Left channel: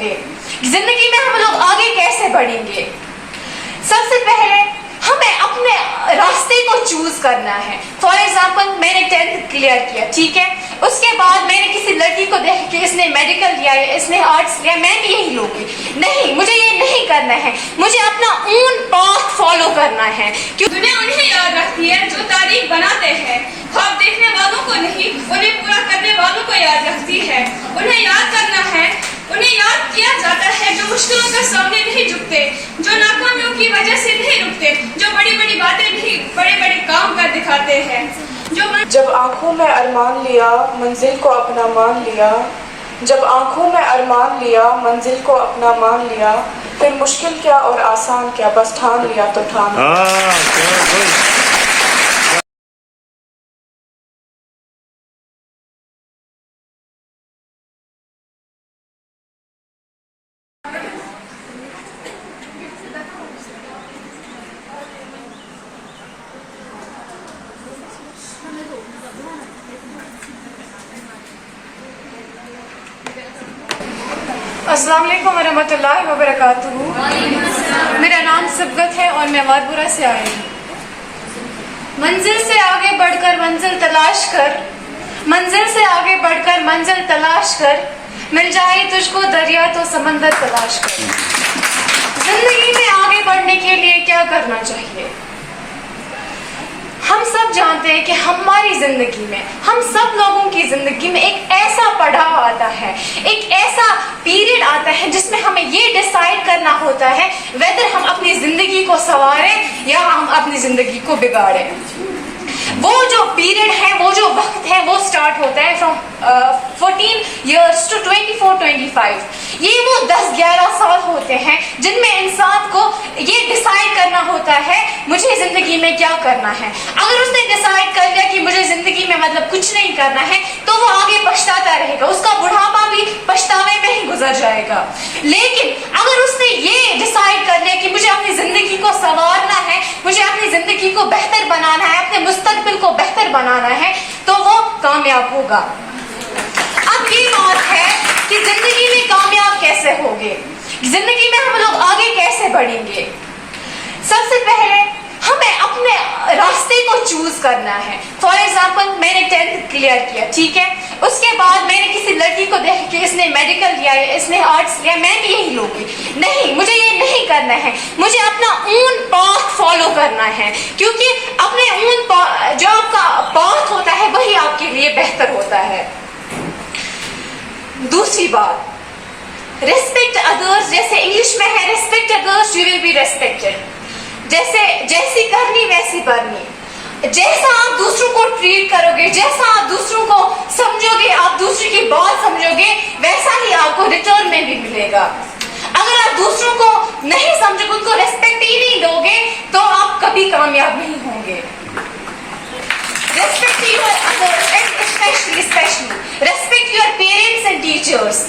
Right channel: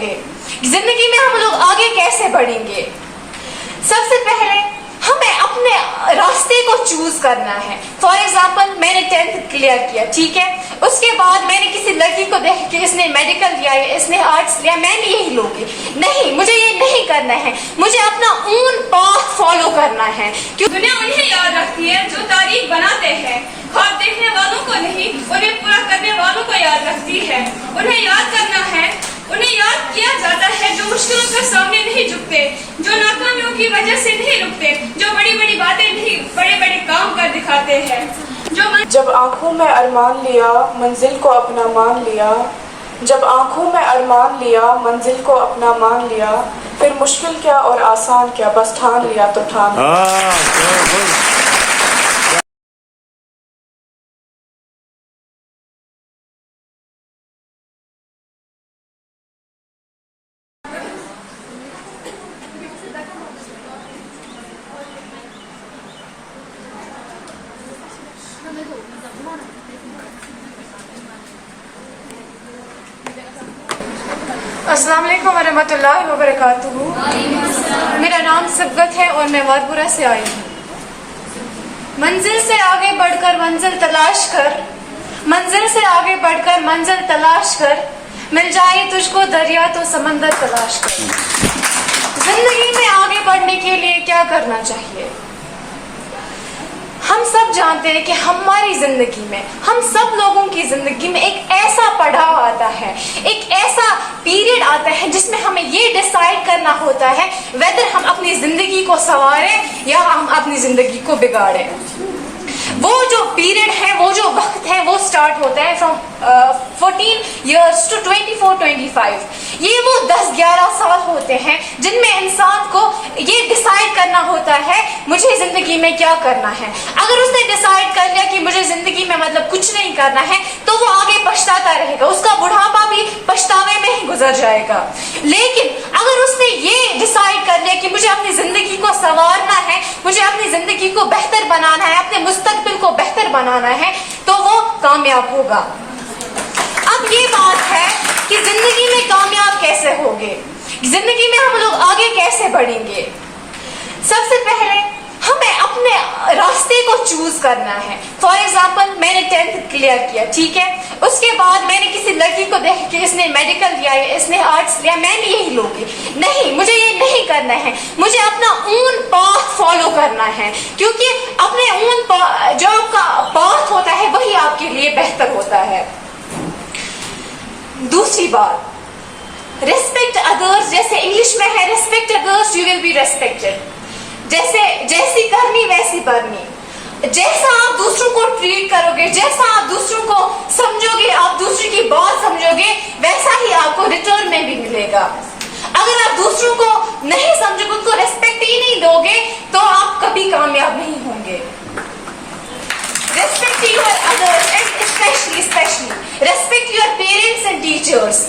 होगे, जिंदगी में हम लोग आगे कैसे बढ़ेंगे। सबसे पहले हमें अपने रास्ते को चूज करना है। फॉर एग्जाम्पल, मैंने 10th क्लियर किया, ठीक है, उसके बाद मैंने किसी लड़की को देख के इसने मेडिकल लिया, इसने आर्ट्स लिया, मैं भी यही लूंगी। नहीं, मुझे ये नहीं करना है, मुझे अपना ओन पाथ फॉलो करना है। क्यों दुनिया उन्हें याद रखती है जो तारीख बनाते हैं, ख्वाब देखने वालों को नहीं, उन्हें पूरा करने वालों को याद रखती है। उन्हें याद करना है, उन्हें याद किया जाता है जो मुश्किलों के सामने नहीं झुकते, जो नाकामियों की वजह से नहीं रुकते, जो बड़ी बड़ी बातें नहीं बड़े बड़े काम कर दिखाते हैं। जब आंखों में अरमान लिया मंजिल को अपना मान लिया, जब आंखों में अरमान लिया मंजिल को अपना मान लिया, फिर मुश्किल क्या और आसान क्या, बस ठान लिया तो ठान लिया। अस्सलाम वालेकुम वरहमतुल्लाहि वबरकातुहू। मेरा नाम सिबगत है और मैं वारपुरा से आई हूँ। मंजिल से आगे बढ़कर मंजिल तलाश कर, मंजिल से आगे बढ़कर मंजिल तलाश कर, मिल जाए तुझको दरिया तो समंदर तलाश कर। जिंदगी में आगे बढ़ने के लिए क्या करना चाहिए? हम सब जानते हैं कि हमारी जिंदगी में, हम सब लोगों की जिंदगी में एक ऐसा पड़ाव आता है, एक ऐसा पीरियड आता है जिसमें हमें ये डिसाइड करना होता है वेदर हम अपनी जिंदगी को संवारें या हम अपनी जिंदगी को बिगाड़ें। वो जो पीरियड है, वो जो वक्त है, वो स्टार्ट होता है फ्रॉम 14 years to 24-25। ये वो 10-11 साल होते हैं जिनमें इंसान को ये डिसाइड करना होता है मुझे जिंदगी में क्या करना है। अगर उसने डिसाइड कर लिया कि मुझे जिंदगी में मतलब कुछ नहीं करना है, तो वो आगे पछताता रहेगा, उसका बुढ़ापा भी पछतावे में ही गुजर जाएगा। लेकिन अगर उसने ये डिसाइड कर लिया कि मुझे अपनी जिंदगी को संवारना है, मुझे अपनी जिंदगी को बेहतर बनाना है, अपने मुस्तकबिल को बेहतर बनाना है, तो वो कामयाब होगा। अब ये बात है कि जिंदगी में कामयाब कैसे होंगे, जिंदगी में हम लोग आगे कैसे बढ़ेंगे। सबसे पहले हमें अपने रास्ते को चूज करना है। फॉर एग्जाम्पल, मैंने 10th क्लियर किया, ठीक है, उसके बाद मैंने किसी लड़की को देख के इसने मेडिकल लिया, इसने आर्ट्स लिया, मैं भी यही लूंगी। नहीं, मुझे ये नहीं करना है, मुझे अपना ओन पाथ फॉलो करना है, क्योंकि अपने ओन जो आपका पाथ होता है वही आपके लिए बेहतर होता है। दूसरी बात, रेस्पेक्ट अदर्स। जैसे इंग्लिश में है respect others you will be respected. जैसी करनी वैसी भरनी। जैसा आप दूसरों को ट्रीट करोगे, जैसा आप दूसरों को समझोगे, आप दूसरे की बात समझोगे, वैसा ही आपको रिटर्न में भी मिलेगा। अगर आप दूसरों को नहीं समझोगे, उनको रेस्पेक्ट ही नहीं दोगे, तो आप कभी कामयाब नहीं होंगे। Respect your others and especially respect your parents and teachers।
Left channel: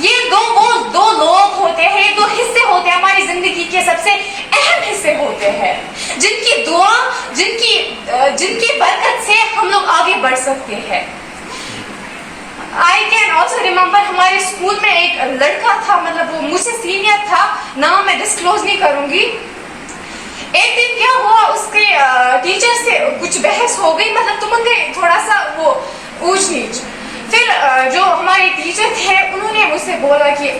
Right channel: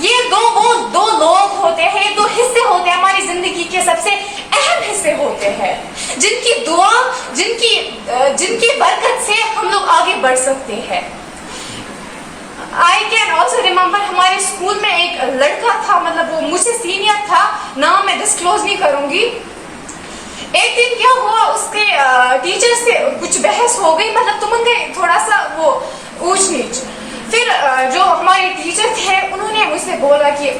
ये वो दो लोग होते हैं, दो हिस्से होते हैं हमारी जिंदगी के सबसे अहम हिस्से होते हैं, जिनकी दुआ, जिनकी बरकत से हम लोग आगे बढ़ सकते हैं। आई कैन ऑल्सो रिमेम्बर, हमारे स्कूल में एक लड़का था, मतलब वो मुझसे सीनियर था, नाम मैं डिस्क्लोज नहीं करूंगी। एक दिन क्या हुआ, उसके टीचर से कुछ बहस हो गई, मतलब तुम गए थोड़ा सा वो ऊंच नीच। फिर जो हमारे टीचर थे उन्होंने मुझसे बोला कि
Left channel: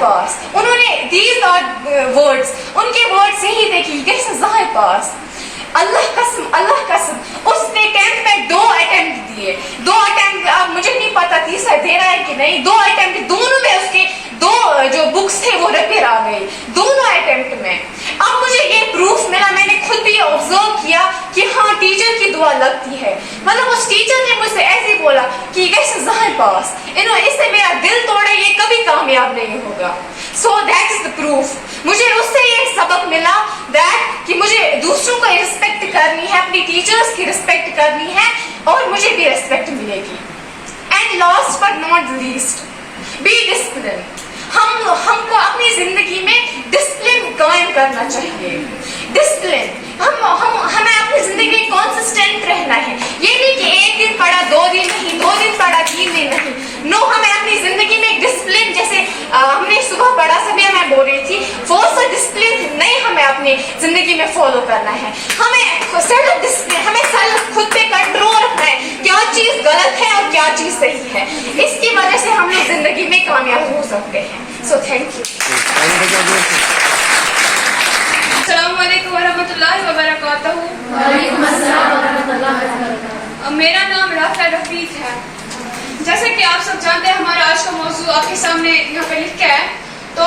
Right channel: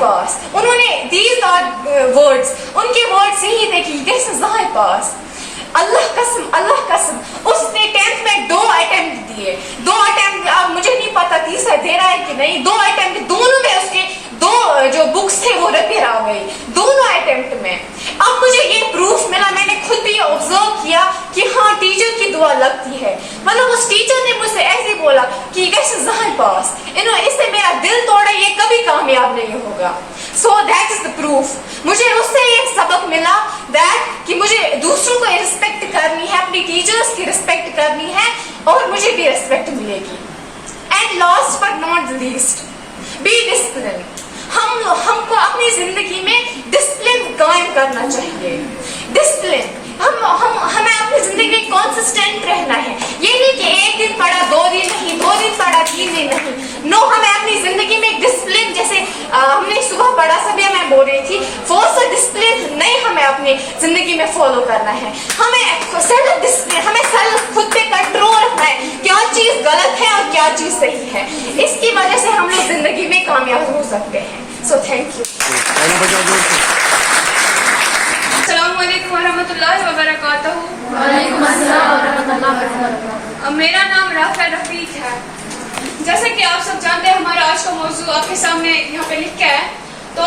पास, उन्होंने दीज आर वर्ड्स, उनके वर्ड्स यही थे कि पास। अल्लाह कसम उसने 10th में 2 अटेम्प्ट दिए, 2 अटेम्प्ट, अब मुझे नहीं पता तीसरा दे रहा है कि नहीं, 2 अटेम्प्ट, दोनों में उसके 2 जो बुक्स थे वो रिपेयर आ गई, दोनों अटेम्प्ट में। अब मुझे ये प्रूफ मिला, मैंने खुद भी ऑब्जर्व किया कि हाँ, टीचर की दुआ लगती है। मतलब उस टीचर ने मुझसे ऐसे बोला कि पास, इससे मेरा दिल तोड़ा, ये कभी कामयाब नहीं होगा। So that is the proof. मुझे उससे एक सबक मिला दैट कि मुझे दूसरों को रिस्पेक्ट करनी है, अपनी टीचर्स की रिस्पेक्ट करनी है, और मुझे भी रिस्पेक्ट मिलेगी। And last but not least, be discipline. हमको अपनी जिंदगी में डिसिप्लिन कायम करना चाहिए। डिसिप्लिन हमें अपनी जिंदगी में कंसिस्टेंट रहना है। ये नहीं कि एक दिन पढ़ा, 2 दिन नहीं, 2 दिन पढ़ा, 3 दिन नहीं। नो, हमें अपनी जिंदगी में एक डिसिप्लिन, जैसे हमने सुबह पढ़ा, सभी मैं बोल रही थी, फोर्स और डिसिप्लिन नहीं हमें अपनी जिंदगी में फॉलो करना है। हमें सेल्फ डिसिप्लिन, हमें सेल्फ खुद पे कंट्रोल रखना है, क्या चीज गलत है और क्या चीज सही है। इसकी वजह से हम लोग जिंदगी में कामयाब हो सकते हैं। So thank you. अस्सलामुअलैकुम वरहमतुल्लाहि वबरकातुहू। मेरा नाम राफिया रफीक है। जैसे कि आप सब जानते हैं, हमारा आज का मौजू आपके सामने यहाँ पे लिखा है। तो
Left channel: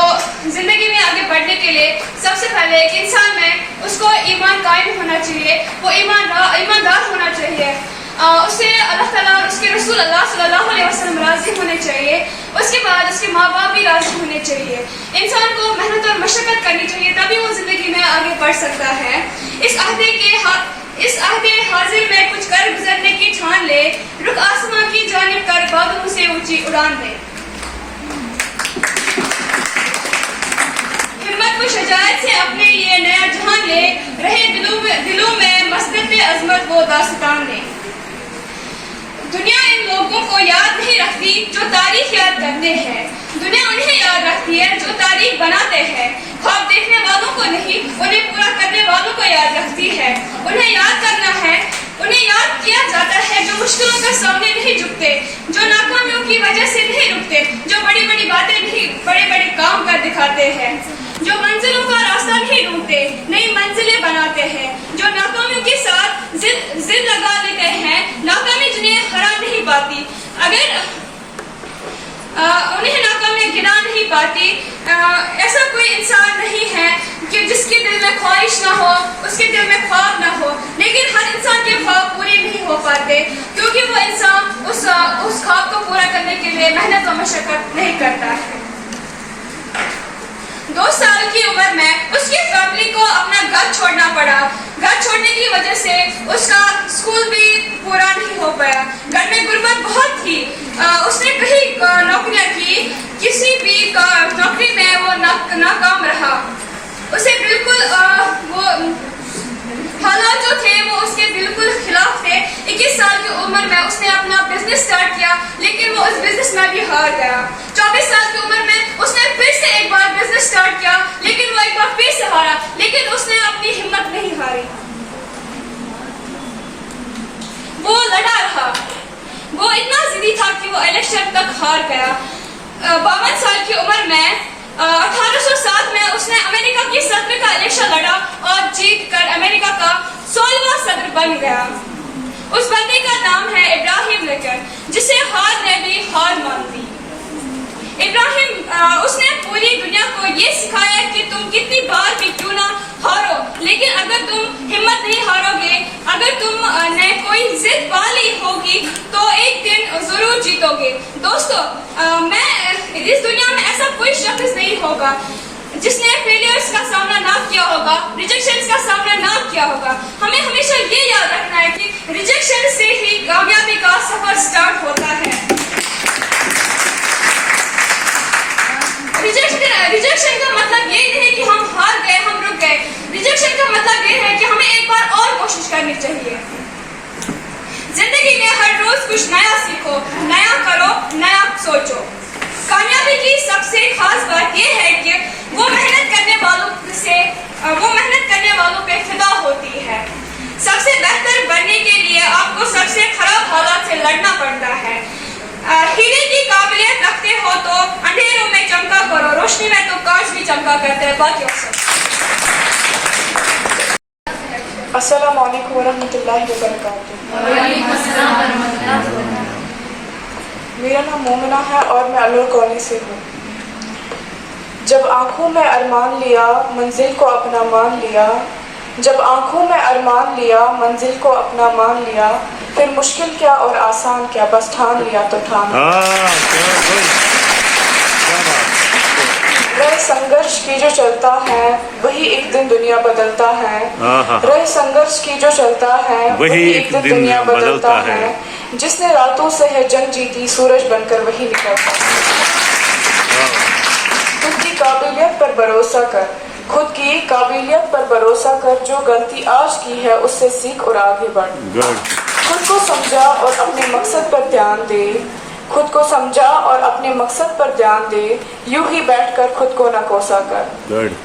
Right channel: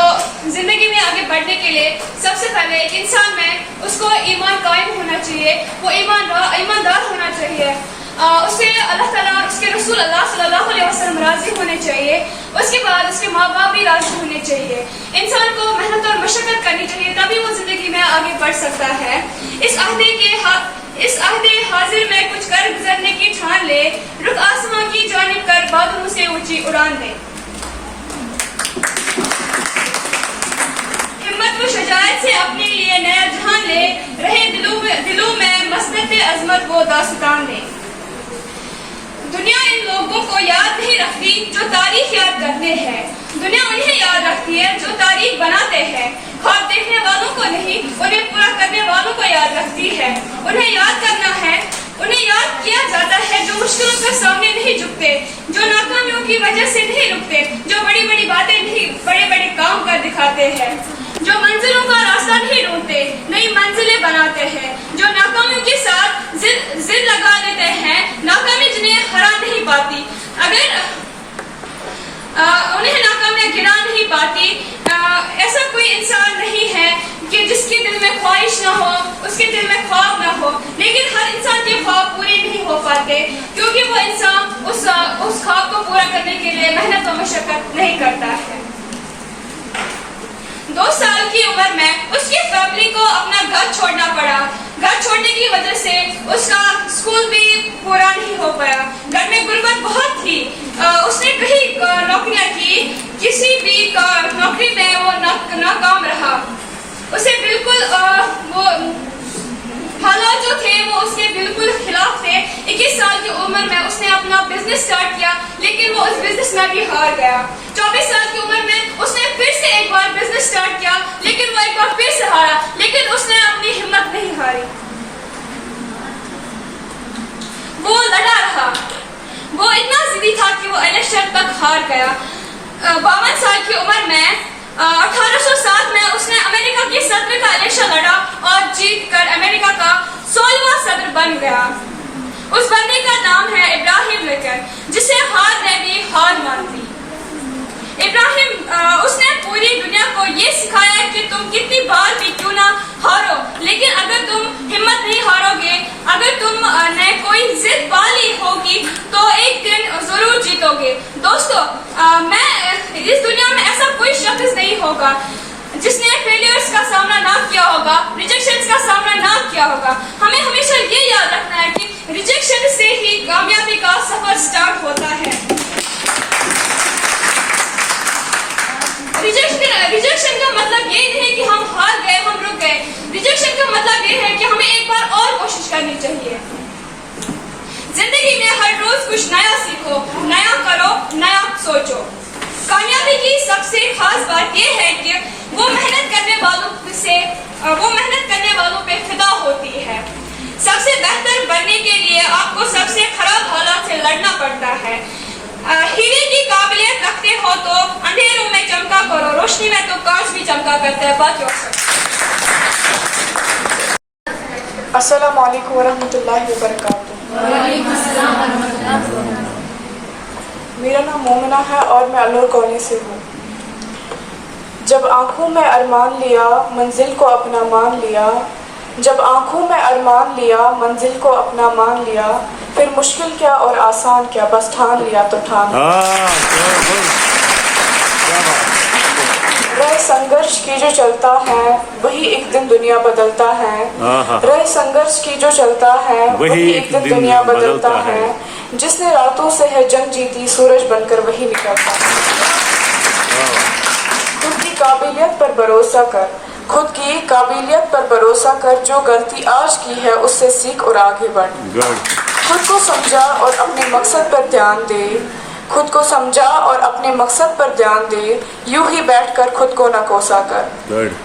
जिंदगी में आगे बढ़ने के लिए सबसे पहले एक इंसान में उसको ईमान कायम होना चाहिए, वो ईमानदार होना चाहिए। उसे अल्लाह ताला और उसके रसूल अल्लाह सल्लल्लाहु अलैहि वसल्लम राजी होने चाहिए। उसके बाद उसके माँ बाप भी राजी होने चाहिए। इंसान को मेहनत और मशक्कत करनी चाहिए, तभी वो जिंदगी में आगे बढ़ सकता है। इस अहदे हाजिर में कुछ कर गुजरने की ठान ले, रुख आसमां की जानिब कर बादलों से ऊंची उड़ान दे। हिम्मत व शजायत से अपने लिए नया जहान ले, रहे दिलों में मस्बत अजमत वो दास्तान दे। दुनिया इन लोगों को याद नहीं रखती जो तारीख याद करते हैं। दुनिया उन्हें याद रखती है जो तारीख बनाते हैं। ख्वाब देखने वालों को नहीं, उन्हें पूरा करने वालों को याद रखती है। उन्हें याद करना है, उन्हें याद किया जाता है जो मुश्किलों के सामने नहीं झुकते, जो नाकामियों की वजह से नहीं रुकते, जो बड़ी बड़ी बातें नहीं, बड़े बड़े काम कर दिखाते हैं, जो मंजिलों का रास्ता नहीं ढूंढते, नई मंजिलें बनाते हैं, जो नाकामियों के साथ जिद लगा देते हैं, नाकामी जिन्हें हरा नहीं पाती, उन्हें नाकामियां गिरा नहीं पाती। ऐसा कोई इंसान नहीं है कि जिसके दिल में ख्वाहिश ना हो, उसके दिल में ख्वाब ना हो, लेकिन हर इंसान के ख्वाब पूरे नहीं हो पाते, क्योंकि वो इंसान उस ख्वाब को पूरा करने के लिए मेहनत और मशक्कत नहीं करता है। 2 साल की उम्र में उसकी फैमिली को अपना घर छोड़ना पड़ा। घर छोड़ने की वजह से उसका स्कूल भी पूरा नहीं हो पाया। घर में गुर्बत बहुत थी। उसने कई नौकरियां की, किसी भी नौकरी में वो नाकाम रहा। उसे बिल्कुल वो हालात जो थे वो उसके बिल्कुल खिलाफ थे। 21 साल की उम्र में उसने अपना बिजनेस स्टार्ट किया, लेकिन वो उस बिजनेस में भी हार गया। 24 साल की उम्र में उसने फिर से एक बार बिजनेस स्टार्ट किया, लेकिन वो एक बार फिर से हारा, लेकिन उसने अपनी हिम्मत नहीं हारी। वो लड़ा रहा। वो इतना जिद्दी था कि वो इलेक्शन तक हार गया। 52 साल की उम्र में 1807 में उसने अमेरिका की सदर का इलेक्शन लड़ा और जीत कर अमेरिका का 16वां सदर बन गया। उस बंदे का नाम है इब्राहिम लिंकन, जिसे हार ने भी हार मान ली। इब्राहिम उसने पूरी दुनिया को ये सिखाया कि तुम कितनी बार भी क्यों ना हारो, लेकिन अगर तुम हिम्मत नहीं हारोगे, अगर तुमने कोई जिद पा ली होगी तो एक दिन जरूर जीतोगे। दोस्तों, मैं इस दुनिया में ऐसा कोई शख्स नहीं होगा जिसने फेलियर्स का सामना ना किया होगा, रिजेक्शंस का सामना ना किया होगा। हमें हमेशा ये याद रखना है कि रिजेक्शन से ही कामयाबी का सफर स्टार्ट होता है। रिजेक्शन का मतलब ये नहीं कि हम हार गए, हम रुक गए। रिजेक्शन का मतलब ये है कि हमें एक बार और कोशिश करनी चाहिए। जिंदगी में हर रोज कुछ नया सीखो, नया करो, नया सोचो। कामयाबी की सबसे खास बात यह है कि वो मेहनत करने वालों पे फिदा होती है। सबसे बेहतर बनने के लिए आपको सबसे खराब हालात से लड़ना पड़ता है। हीरे की काबिलियत रखते हो तो अंधेरों में चमका करो, रोशनी में तो कांच भी चमका करते हैं। बात अस्सलाम वालेकुम वरहमतुल्लाहि वबरकातुहू। मेरा नाम मोमिना है और मैं अलवर कॉलोनी से हूँ। जब आँखों में अरमान लिया मंजिल को अपना मान लिया, जब आँखों में अरमान लिया मंजिल को अपना मान लिया, फिर मुश्किल क्या और आसान क्या, बस ठान लिया तो ठान लिया। रह संघर्ष की जो चलता है वही एक दिन दुनिया बदलता है। रह संघर्ष की जो चलता है वही एक दिन दुनिया बदलता है। जिसने रातों से है जंग जीती सूरज बनकर वही निकलता है। खुद की काबिलियत पर भरोसा कर, खुद की काबिलियत पर भरोसा कर, जो गलती आज की है उससे सीख और आगे बढ़। गुड। खुद को समझा और अपने मकसद पर ध्यान दे, खुद को समझा और अपने मकसद पर ध्यान दे, यूं ही बैठकर खुद को न कोसा कर। गुड।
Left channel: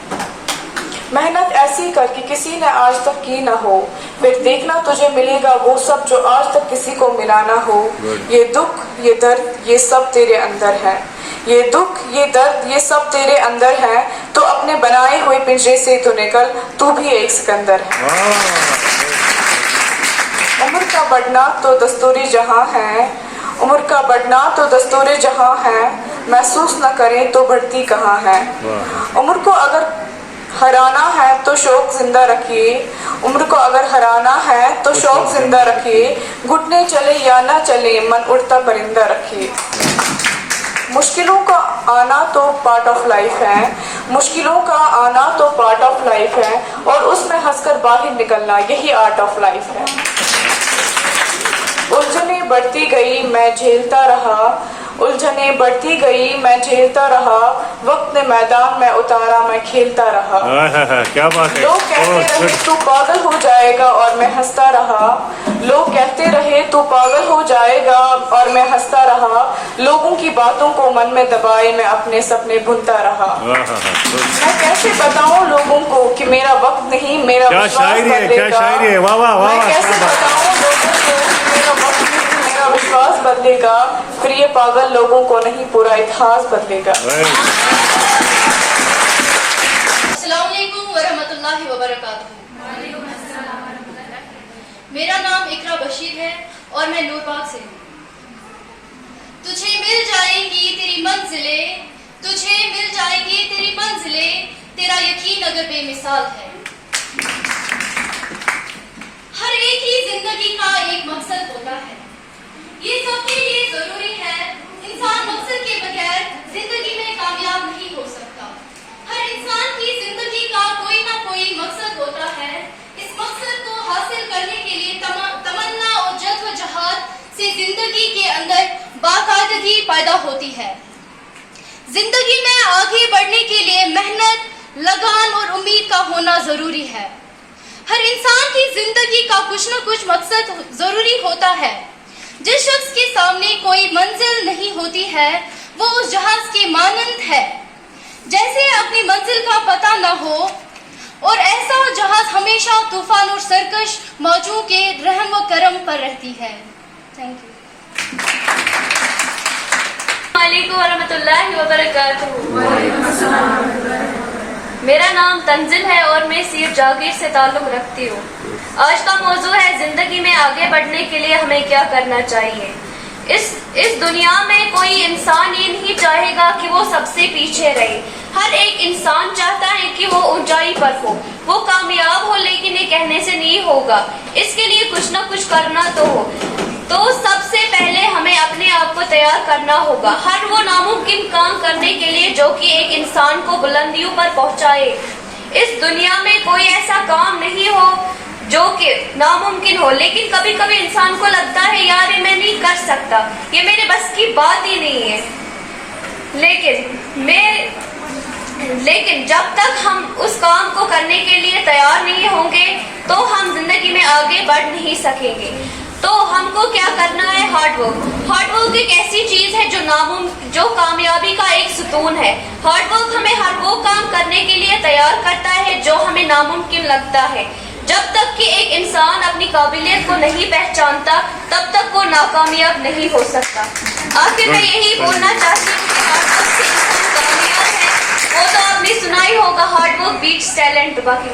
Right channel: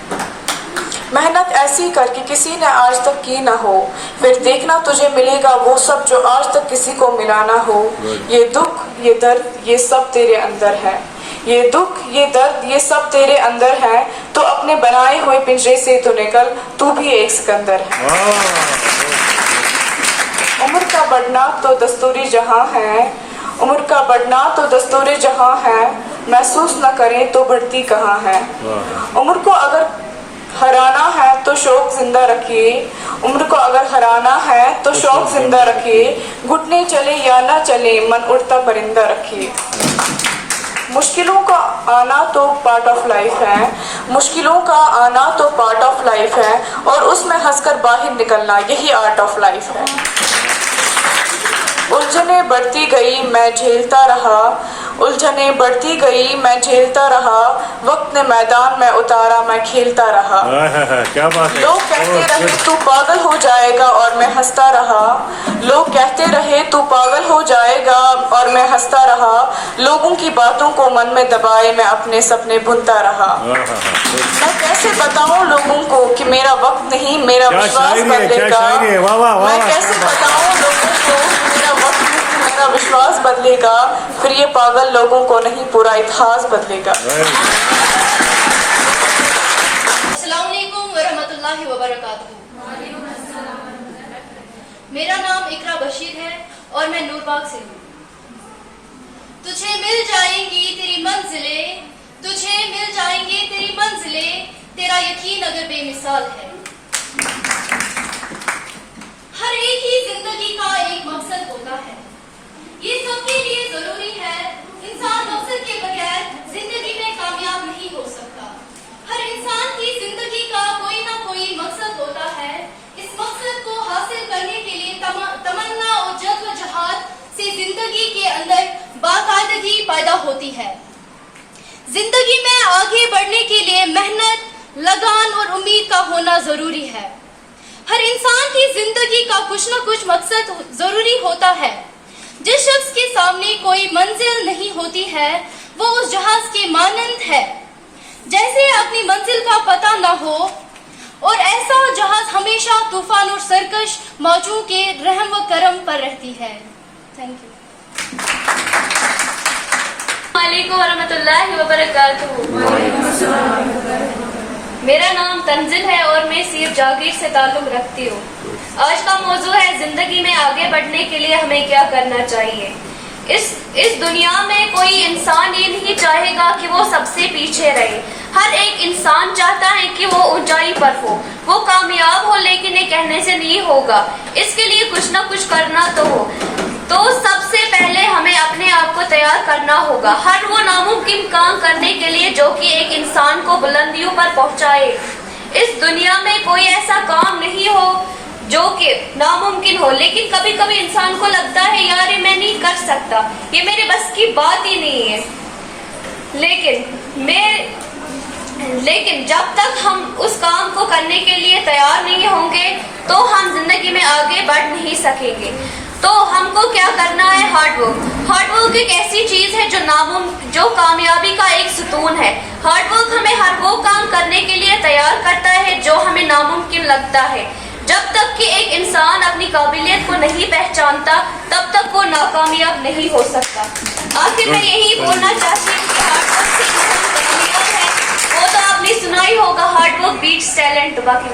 मेहनत ऐसी कर कि किसी ने आज तक की ना हो, फिर देखना तुझे मिलेगा वो सब जो आज तक किसी को मिला ना हो। Good. ये दुख ये दर्द ये सब तेरे अंदर है, ये दुख ये दर्द ये सब तेरे अंदर है, तो अपने बनाए हुए पिंजरे से तो निकल, तू भी एक सिकंदर है। उम्र का बढ़ना तो दस्तूरी जहां है, उम्र का बढ़ना तो दस्तूरी जहां है, महसूस न करें तो बढ़ती कहाँ है। उम्र को अगर हराना है तो शौक जिंदा रखिए, उम्र को अगर हराना है तो शौक जिंदा रखिए, घुटने चले या ना चले मन उड़ता परिंदा रखिए। मुश्किलों का आना तो पार्ट ऑफ लाइफ है, मुश्किलों का आना तो पार्ट ऑफ लाइफ है, और उसमें हंसकर बाहर निकलना यही आर्ट ऑफ लाइफ है। उलझने बढ़ती गई मैं झेलता रहा, उलझने बढ़ती गई मैं झेलता रहा, वक्त ने मैदान में उतारा मैं खेलता रहा। क्या बात है। लोग कहते रहे तू पागल हो जाएगा और मैं हंसता रहा, लोग कहते रहे तू पागल हो जाएगा और मैं हंसता रहा, लोगों की बातों को मन में दबाए मैं अपने सपने बुनता रहा। मैं कैसे बताऊं लोगों को कि मेरा वक्त नहीं मेरा विश्वास बदलेगा, मैं कैसे बताऊं लोगों को कि मेरा वक्त नहीं मेरा विश्वास बदलेगा, फिर ये पागल लोगों को नहीं पूरा इतिहास बदलेगा। अस्सलामुअलैकुम वरहमतुल्लाहि वबरकातुहू। मेरा नाम इकरा बशीर है और मैं नूरबाग से हूँ। तुझे मिल जाएंगी तेरी मंजिलें, तुझे मिल जाएंगी तेरी मंजिलें, तेरा यकीन अगर बेमिसाल है। हर एक ही जिंदगी का एक मकसद होता है, ये सबके लिए जरूरी है। इंसान मकसद के बगैर जिंदगी में कामयाब नहीं हो सकता। हर इंसान की जिंदगी का कोई ना कोई मकसद होता है। इस मकसद को हासिल करने के लिए तमन्ना और जद्दोजहद से जिंदगी के अंदर बाकायदगी पैदा होती है। जिंदगी में आगे बढ़ने के लिए मेहनत, लगान और उम्मीद का होना जरूरी है। हर इंसान की जिंदगी का कुछ न कुछ मकसद जरूरी होता है। जिस शख्स के सामने कोई मंजिल नहीं होती है वो उस जहाज के मानंद है, जैसे अपनी मंजिल का पता न हो, और ऐसा जहाज हमेशा तूफान और सरकश मौजों के रहम व करम पर रहती है। Thank you. वालेकुम वरहमतुल्लाहि वबरकातुहू। मेरा नाम तंजिल है और मैं सीर जागीर से ताल्लुक रखती हूँ। आज का मौजू है जिंदगी में आगे बढ़ने के लिए हमें क्या करना चाहिए। इस दुनिया में कोई इंसान ये नहीं चाहेगा कि वो सबसे पीछे रहे। हर एक इंसान चाहता है कि वो ऊंचाई पर हो, वो कामयाब हो, लेकिन ये कहने से नहीं होगा। इसके लिए कुछ ना कुछ करना तो हो। तो सबसे पहले हमें अपने आप को तैयार करना होगा हर वो नामुमकिन काम करने के लिए जो कि एक इंसान को बुलंदियों पर पहुंचाए। इस दुनिया में कोई ऐसा काम नहीं हो जो कि नामुमकिन हो, लेकिन कभी कभी इंसान को लगता है यार ये मैं नहीं कर सकता, ये मेरे बस की बात ही नहीं है। लेकिन जब तक हम उस काम को करने के लिए तैयार नहीं होंगे तो हम जिंदगी में आगे बढ़ नहीं सकेंगे। तो हमको क्या करना है? हार्डवर्क। हार्डवर्क एक ऐसी चीज है जो कामयाबी का एक सुतून है। हार्डवर्क हमें हर वो काम करने के लिए तैयार करता है जो हमें नामुमकिन लगता है। जब तक कि एक इंसान अपनी काबिलियत को नहीं पहचानता तब तक वो नाकामयाब नहीं हो सकता। आखिर मैं यही बोलना चाहती हूँ कि हार्डवर्क से इंसान कामयाब है। वो तो आपने सुना ही होगा, हार्डवर्क बीट्स टैलेंट। बाकी